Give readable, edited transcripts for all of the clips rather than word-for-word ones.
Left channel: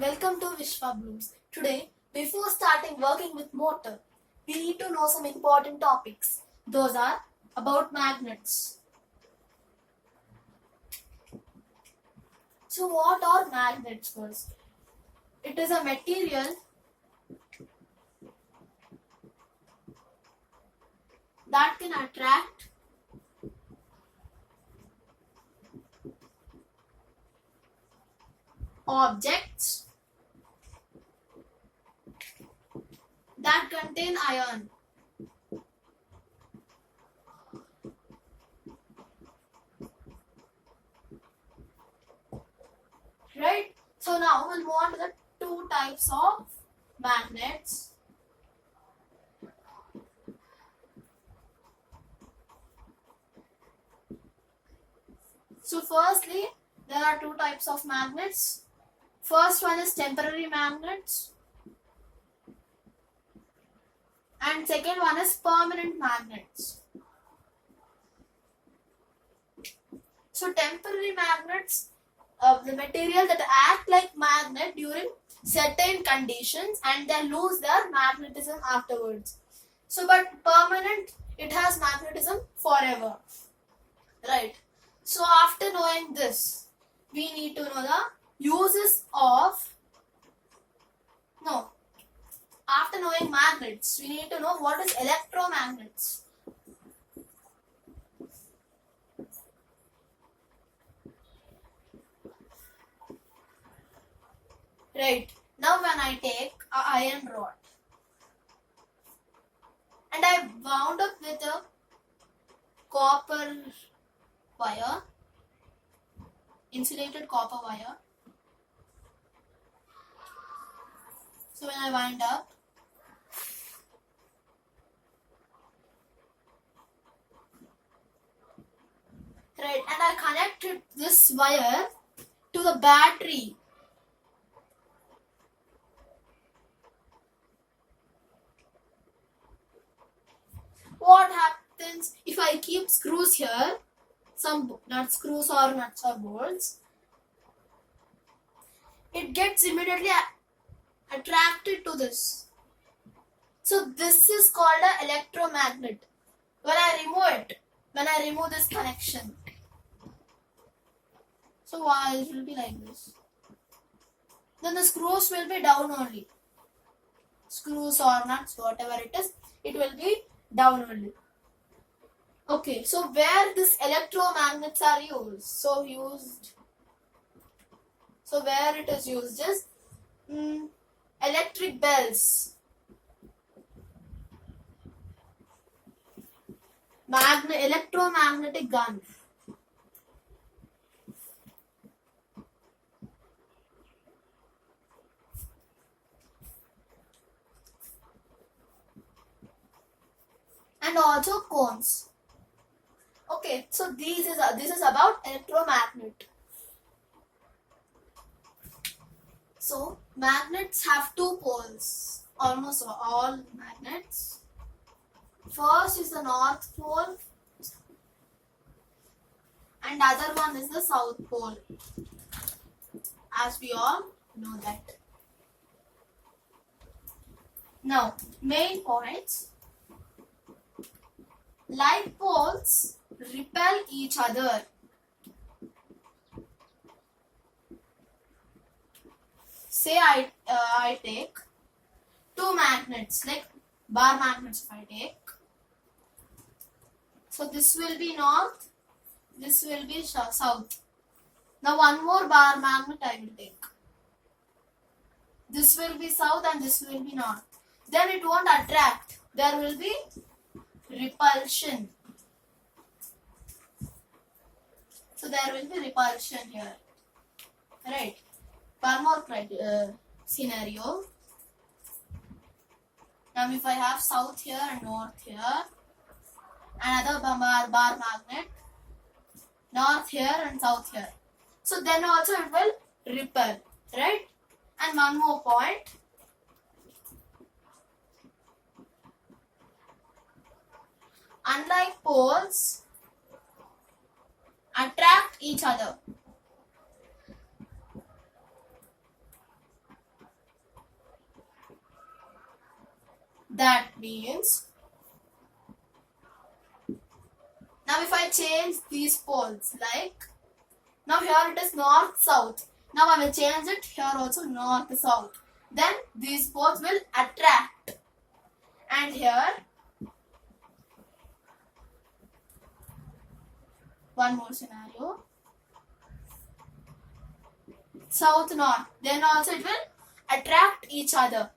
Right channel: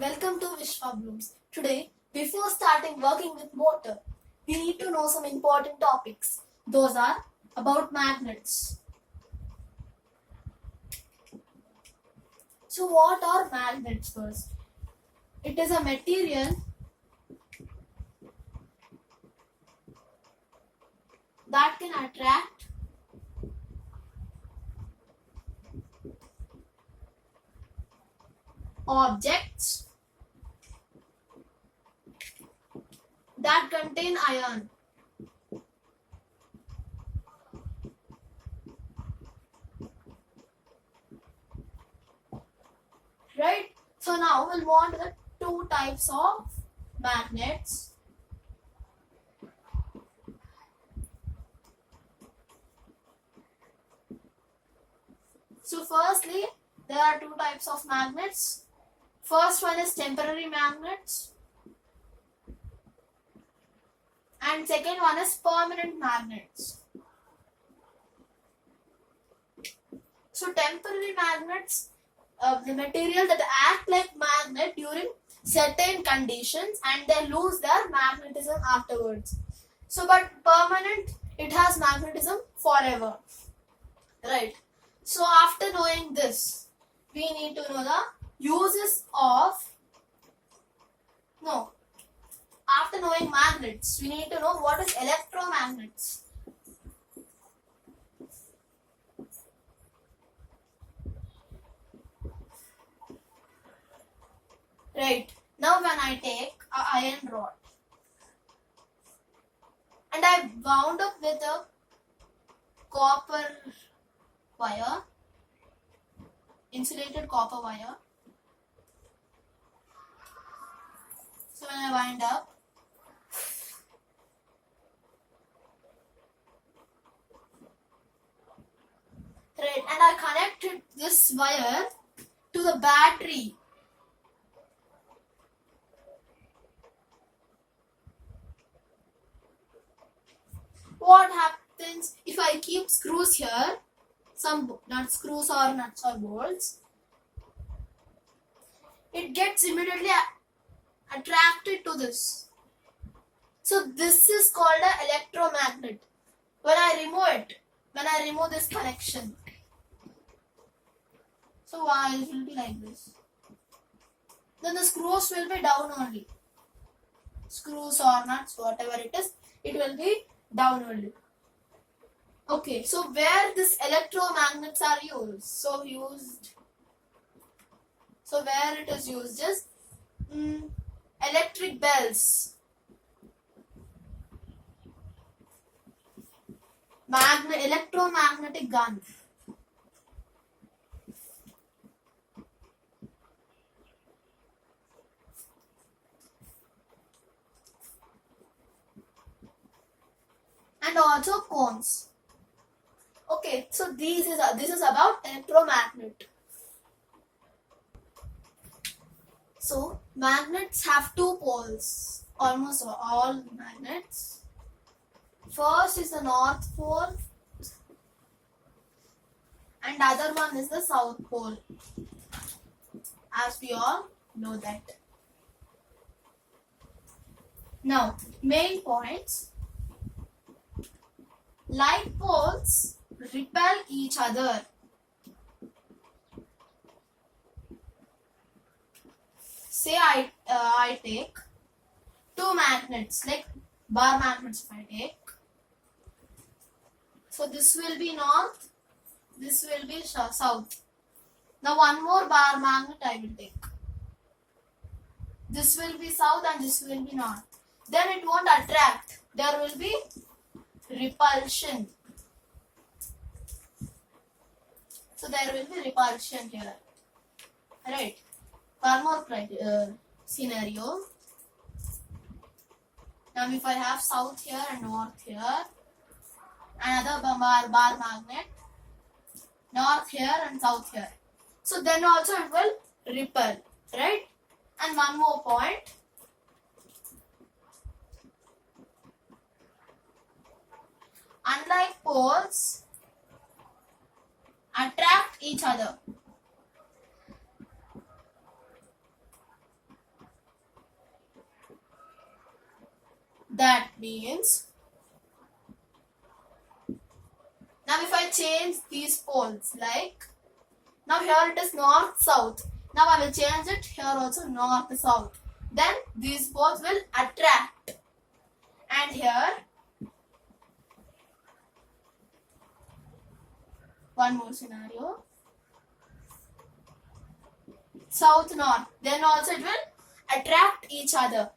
Welcome to Vishwa Blooms. Today, before starting working with motor, we need to know some important topics. Those are about magnets. So what are magnets first? It is a material that can attract objects that contain iron. Right? So now we'll move on to the two types of magnets. So firstly, there are two types of magnets. First one is temporary magnets and second one is permanent magnets. So temporary magnets, the material that act like magnet during certain conditions and they lose their magnetism afterwards. So but permanent, it has magnetism forever. Right. So after knowing this, we need to know the uses of, after knowing magnets, we need to know what is electromagnets. Right. Now when I take an iron rod and I wound up with a copper wire, insulated copper wire. So when I wind up, right, and I connected this wire to the battery. What happens if I keep screws here, some nut screws or nuts or bolts? It gets immediately attracted to this. So this is called an electromagnet. When I remove this connection, so why it will be like this? Then the screws will be down only. Screws or nuts, whatever it is, it will be down only. Okay, so where this electromagnets are used? So where it is used is electric bells, electromagnetic gun, and also cones. Okay, so this is about electromagnet. So magnets have two poles. Almost all magnets. First is the north pole and other one is the south pole. As we all know that. Now, main points. Like poles repel each other. Say I take two magnets, like bar magnets if I take. So this will be north, this will be south. Now one more bar magnet I will take. This will be south and this will be north. Then it won't attract. There will be repulsion. So there will be repulsion here. Right. One more scenario. Now if I have south here and north here, another bar magnet, north here and south here. So then also it will repel, right? And one more point. Unlike poles, attract each other. That means, now if I change these poles, like, now here it is north south, now I will change it here also north south, then these poles will attract, and here one more scenario, south north, then also it will attract each other,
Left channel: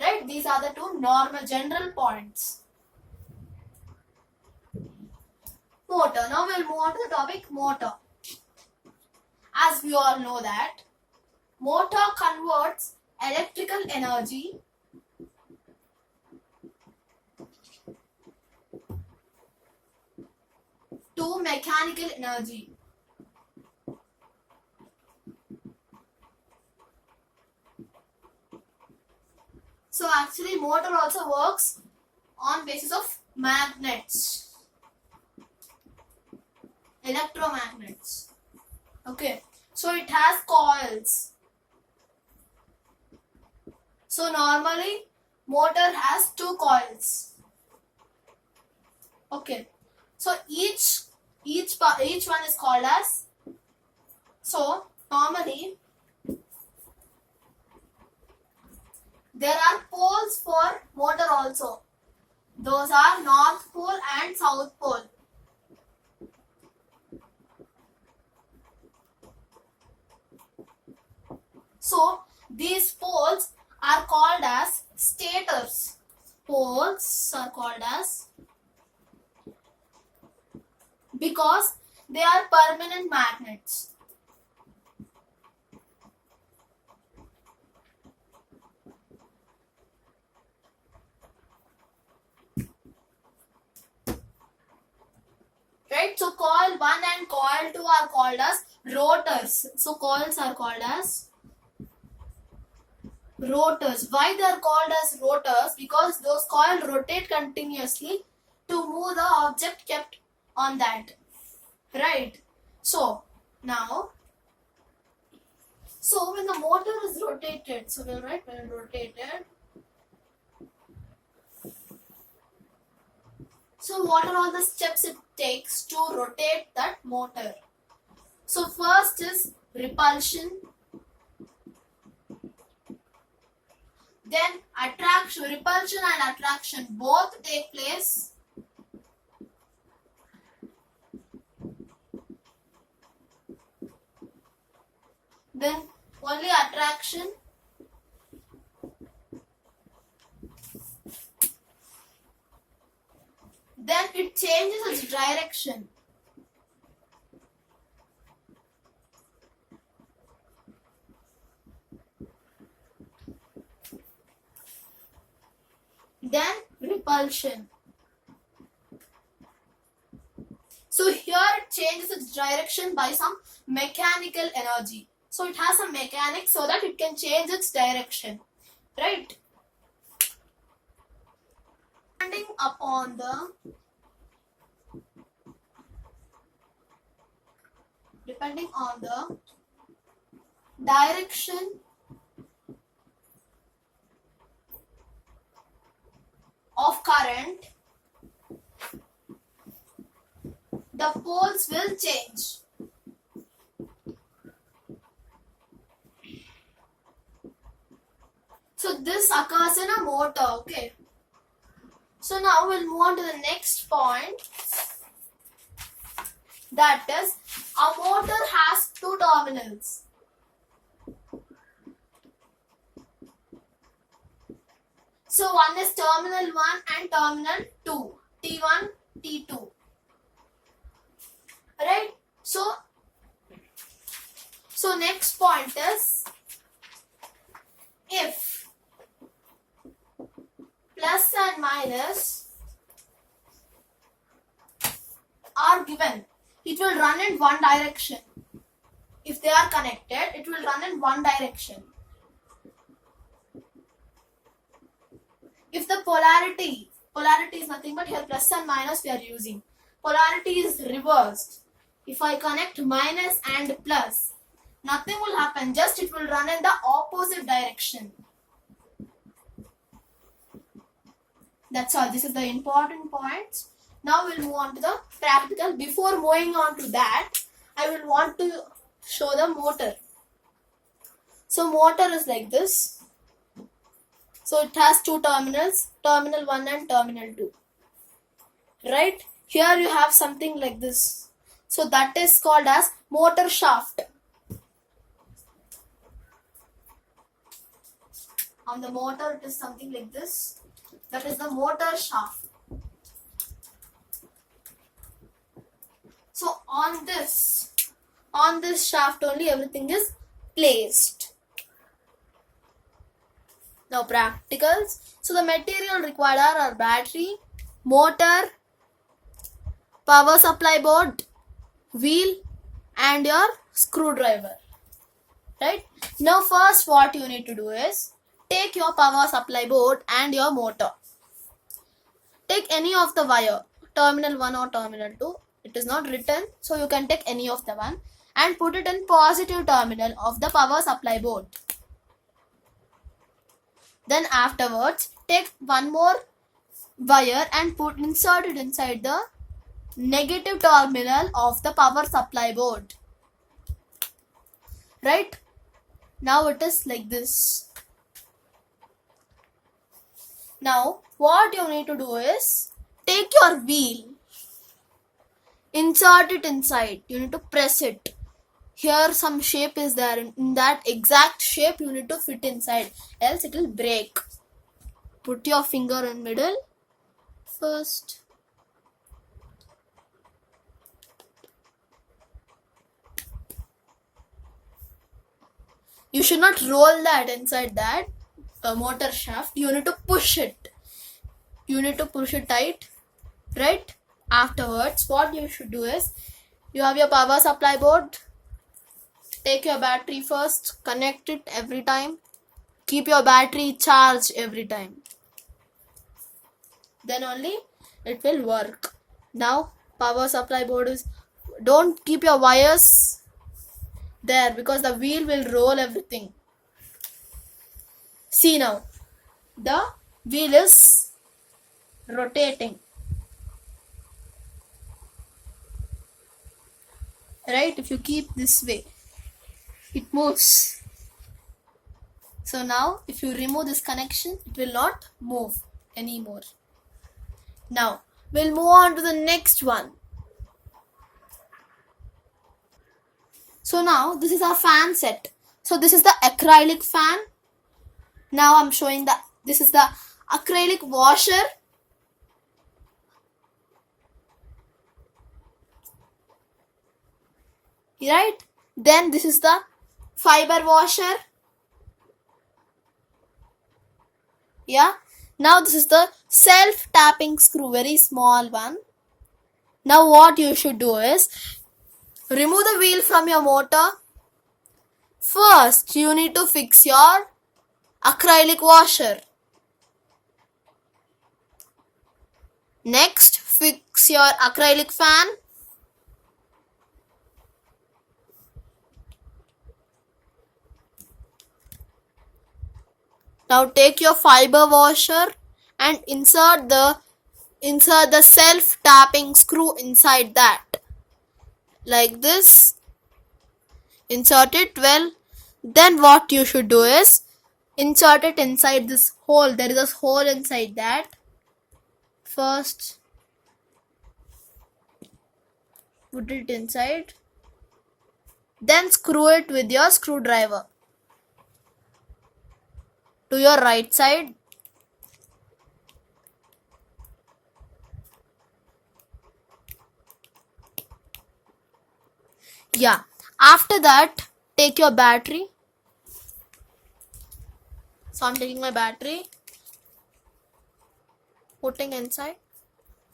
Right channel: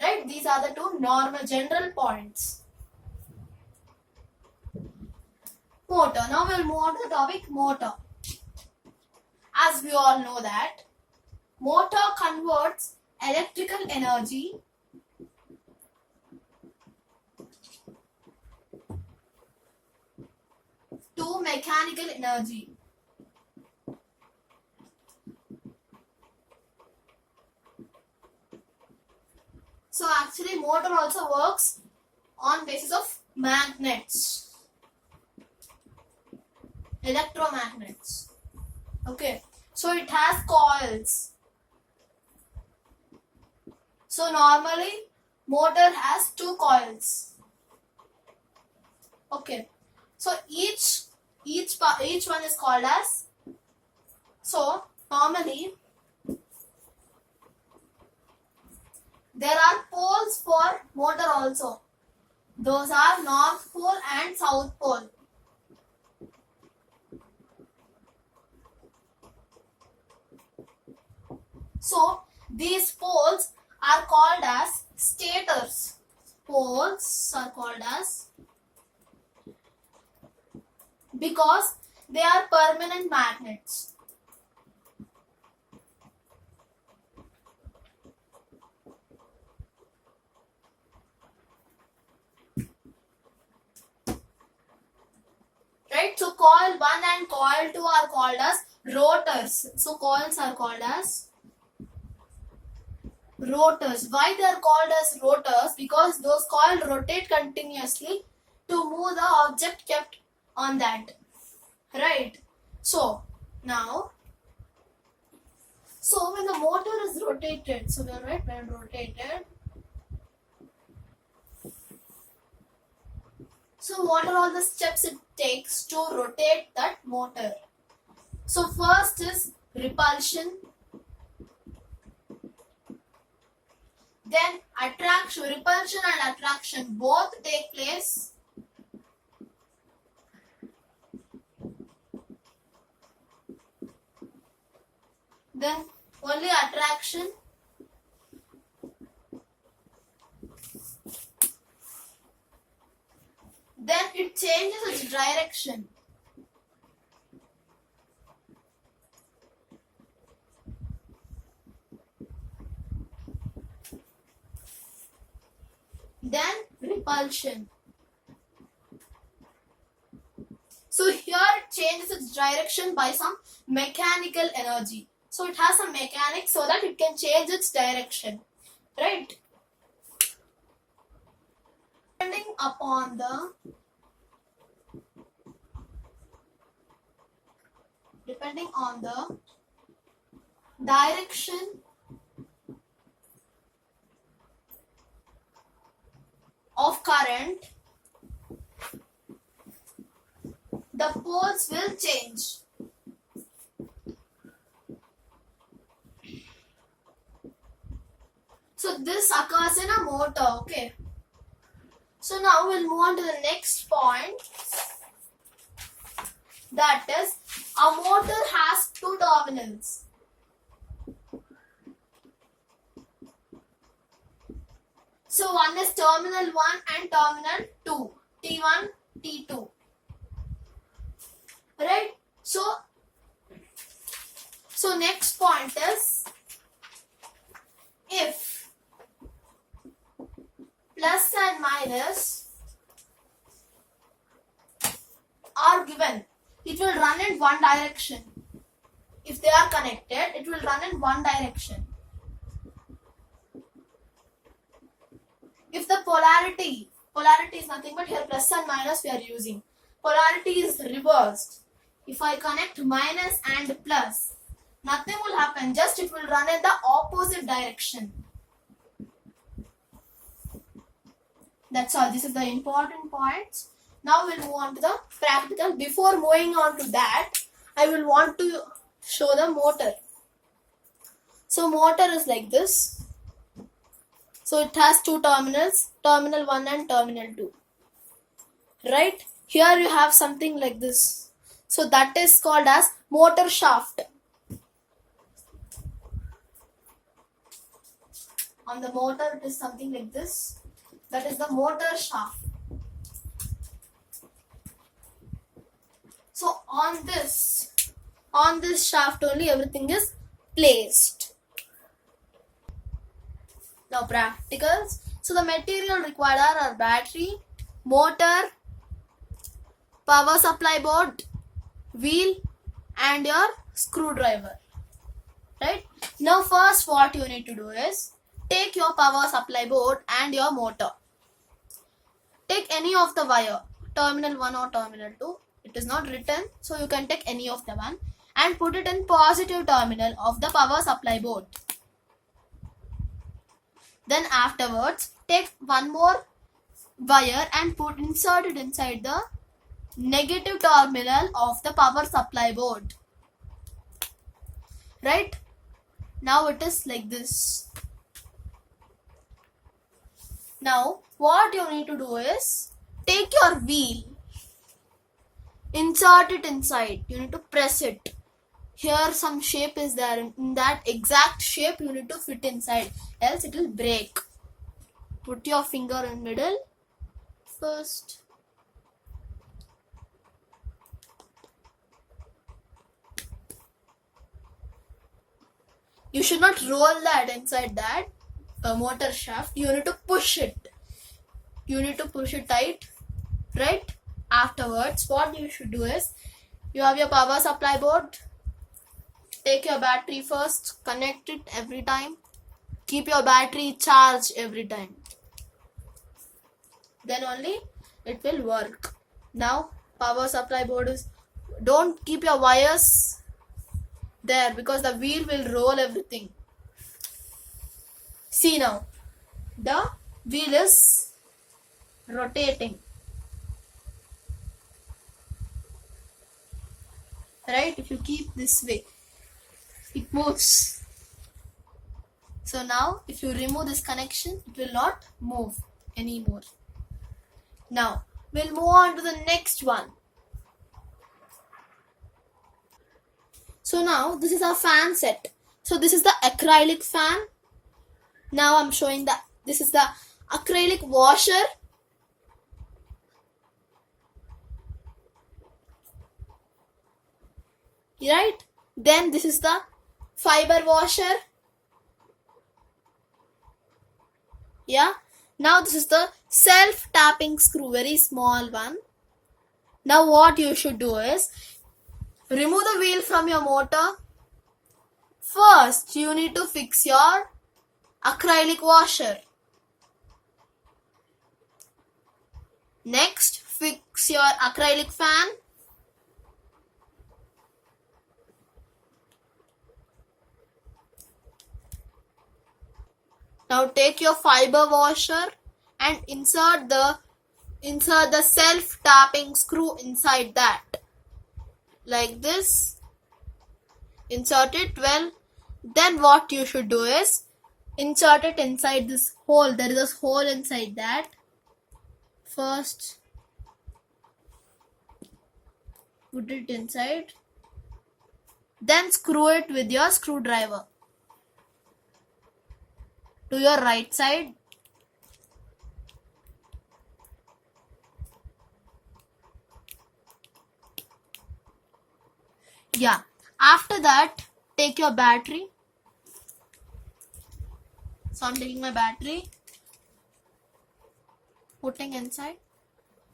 right? These are the two normal general points. Motor. Now we'll move on to the topic motor. As we all know that motor converts electrical energy to mechanical energy. So actually motor also works on basis of magnets, electromagnets. Okay, so it has coils. So normally motor has two coils. Okay, so each one is called as, so normally there are poles for motor also. Those are north pole and south pole. So these poles are called as stators. Poles are called as, because they are permanent magnets. Right? So coil 1 and coil 2 are called as rotors. So coils are called as rotors. Why they are called as rotors? Because those coils rotate continuously to move the object kept on that. Right? So now, so when the motor is rotated, so we'll write when rotated. So what are all the steps it takes to rotate that motor? So first is repulsion, then attraction. Repulsion and attraction both take place. Then only attraction. Then it changes its direction. Then repulsion. So here it changes its direction by some mechanical energy. So it has some mechanics so that it can change its direction. Right? Depending upon the direction of current, the poles will change. So this occurs in a motor. Okay. So now we'll move on to the next point. That is, a motor has two terminals. So one is terminal 1 and terminal 2. T1, T2. Right? So next point is, if plus and minus are given, it will run in one direction. If they are connected, it will run in one direction. If the polarity is nothing but here plus and minus we are using. Polarity is reversed. If I connect minus and plus, nothing will happen, just it will run in the opposite direction. That's all. This is the important points. Now we'll move on to the practical. Before moving on to that, I will want to show the motor. So motor is like this. So it has two terminals, terminal 1 and terminal 2. Right? Here you have something like this. So that is called as motor shaft. On the motor it is something like this. That is the motor shaft. So on this shaft only everything is placed. Now practicals. So the material required are battery, motor, power supply board, wheel and your screwdriver. Right? Now first what you need to do is take your power supply board and your motor. Take any of the wire, terminal 1 or terminal 2. It is not written, so you can take any of the one and put it in positive terminal of the power supply board. Then afterwards, take one more wire and insert it inside the negative terminal of the power supply board. Right? Now it is like this. Now what you need to do is take your wheel, insert it inside. You need to press it. Here some shape is there. In that exact shape you need to fit inside, else it will break. Put your finger in middle first. You should not roll that inside that motor shaft. You need to push it. You need to push it tight. Right? Afterwards, what you should do is, you have your power supply board. Take your battery first. Connect it every time. Keep your battery charged every time. Then only it will work. Now, power supply board is... Don't keep your wires there because the wheel will roll everything. See now, the wheel is rotating. Right? If you keep this way, it moves. So now, if you remove this connection, it will not move anymore. Now, we'll move on to the next one. So now, this is our fan set. So this is the acrylic fan. Now I'm showing this is the acrylic washer. Right? Then this is the fiber washer. Yeah. Now this is the self-tapping screw, very small one. Now what you should do is, remove the wheel from your motor. First, you need to fix your acrylic washer. Next, fix your acrylic fan. Now take your fiber washer and insert the self-tapping screw inside that. Like this. Insert it well. Then what you should do is insert it inside this hole. There is a hole inside that. First, put it inside. Then screw it with your screwdriver to your right side. Yeah. After that, take your battery. So I'm taking my battery, putting inside.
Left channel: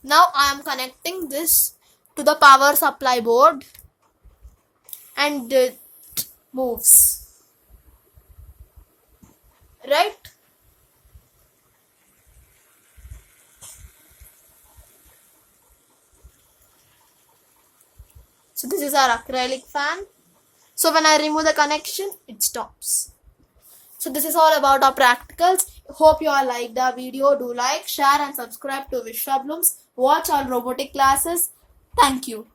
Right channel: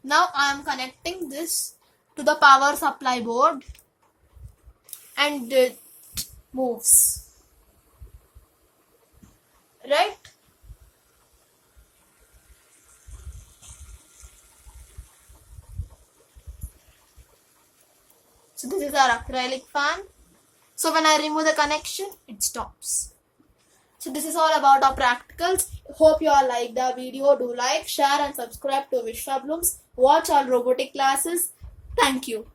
Now I am connecting this to the power supply board and it moves. Right? So this is our acrylic fan. So when I remove the connection, it stops. So this is all about our practicals. Hope you all liked our video. Do like, share and subscribe to Vishwa Blooms. Watch all robotic classes. Thank you.